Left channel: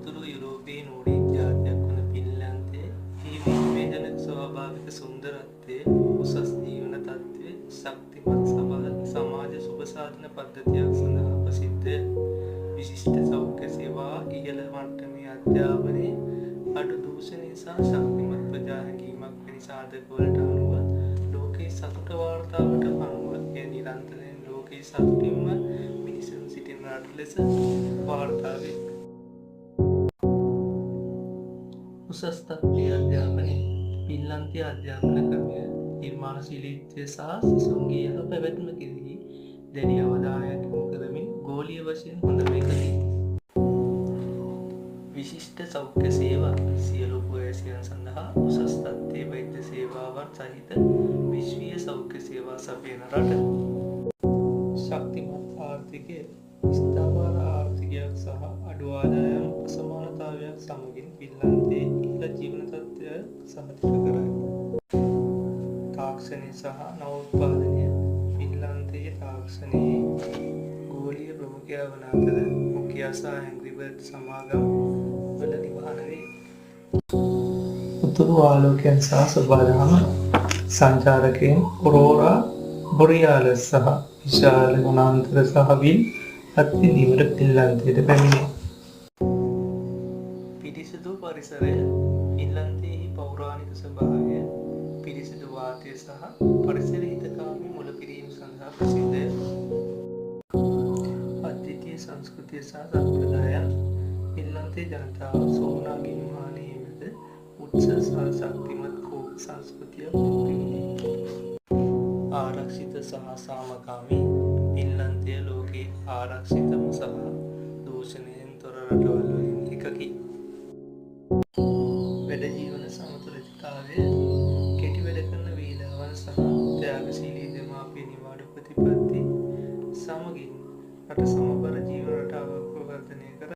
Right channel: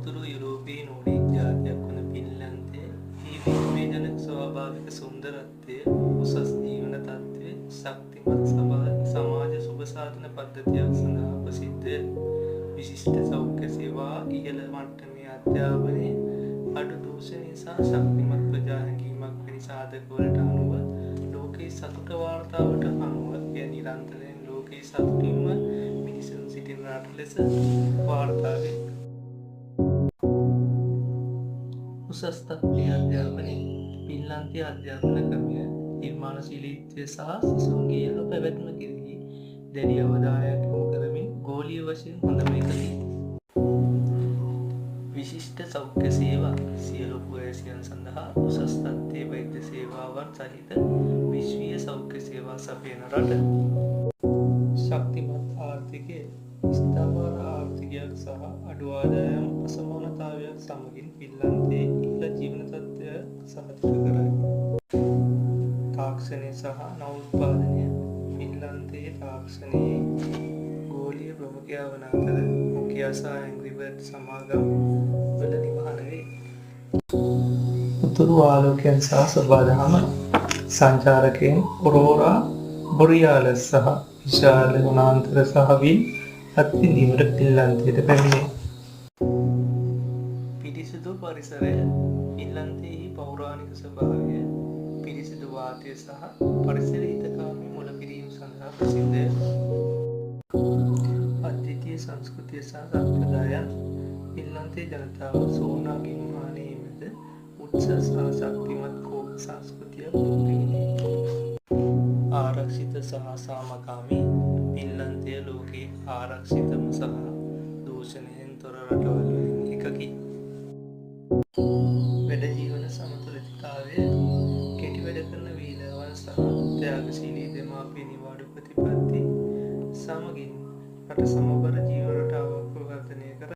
උතුරු යුරෝපයේ නෝර්ඩික් ජාතියක් වන ෆින්ලන්තයේ විශ්වවිජනක ස්වාභාවික සුන්දරත්වය, උසස් ජීවන තත්ත්වය, ශක්තිමත් සමාජ සුබ සාධන පද්ධතියක් සඳහා ප්‍රසිද්ධය. විශිෂ්ට සෞඛ්‍ය සේවා, ඉහළ මට්ටමේ අධ්‍යාපනය, අඩු දූෂණය සහ ශක්තිමත් ප්‍රජා හැඟීමක් වැනි සාධකවලට අනුව ලෝකයේ සතුට වාර්තාවට අනුව එය නිරන්තරයෙන් ලෝකයේ සතුටින්ම මිනිසුන් සිටින රට ලෙස වාර්තා වේ. උසස් තත්ත්වයේ අධ්‍යාපනය. ෆින්ලන්තයේ අධ්‍යාපන ක්‍රමය නිර්මාණශීලීත්වය සහ සිසුන්ගේ යහ පැවැත්ම කෙරෙහි දැඩි අවධානයක් යොමු කරමින් ගෝලීය වශයෙන් හොඳම එකකි. විශිෂ්ට සෞඛ්‍ය සේවා. සියලු වයසියන් සඳහා උසස් තත්ත්වයේ වෛද්‍ය සේවාවන් සහිත විශ්වීය සෞඛ්‍ය සේවා සපයන රට. ශක්තිමත් ආර්ථිකය. ස්ථාවර ආර්ථිකයක් සහ අඩු ආදායම් අසමානතාවයක් සමගින් ෆින්ලන්තයේ ඉහළ ජීවන තත්ත්වය සහතික කරයි. තාක්ෂණය සහ නවෝත්පාදනය. ෆින්ලන්තයේ තාක්ෂණයේ ගෝලීය ප්‍රමුඛයා වන අතර නොකියා සහ ඇන්ග්‍රි බර්ඩ් සමාගම් වල නිවහන වේ. උතුරු ආලෝකයන් සහ සොබාදහම. සංචාරකයන් ඔරෝරා බොරියාලස් සහ විශාල වනාන්තර සහ විල් අත්විඳීමට ෆින්ලන්තයට පැමිණේ. පිරිසිදු පරිසරය. ෆින්ලන්තයේ පෞරාණික ස්වභාවය, පිරිසිදු වාතය සහ පරිසර හිතකාමී මුලපිරීම සඳහා ප්‍රසිද්ධය. අද්විතීය සංස්කෘතිය සහ සම්ප්‍රදායන්. ෆින්ලන්තයේ ජනතාව සෝනා ගින්හානයේ මැද උත්සව සහ ශක්තිමත් කෝප සංස්කෘතියක් පිළිගනී. ආරක්ෂිත සහ සාමකාමී. ෆින්ලන්තය ලෝකයේ ආරක්ෂිතම සහ දූෂණයෙන් තොර රටවල් වලින් එකකි. වැඩ ජීවන සමතුලිතතාවය. කෙටි වැඩ කරන වේලාවන් සහ ත්‍යාගශීලී දෙමාපිය නිවාඩු ප්‍රතිපත්ති සමගින් රට සමබර ජීවන රටාවක් වර්ධනය කර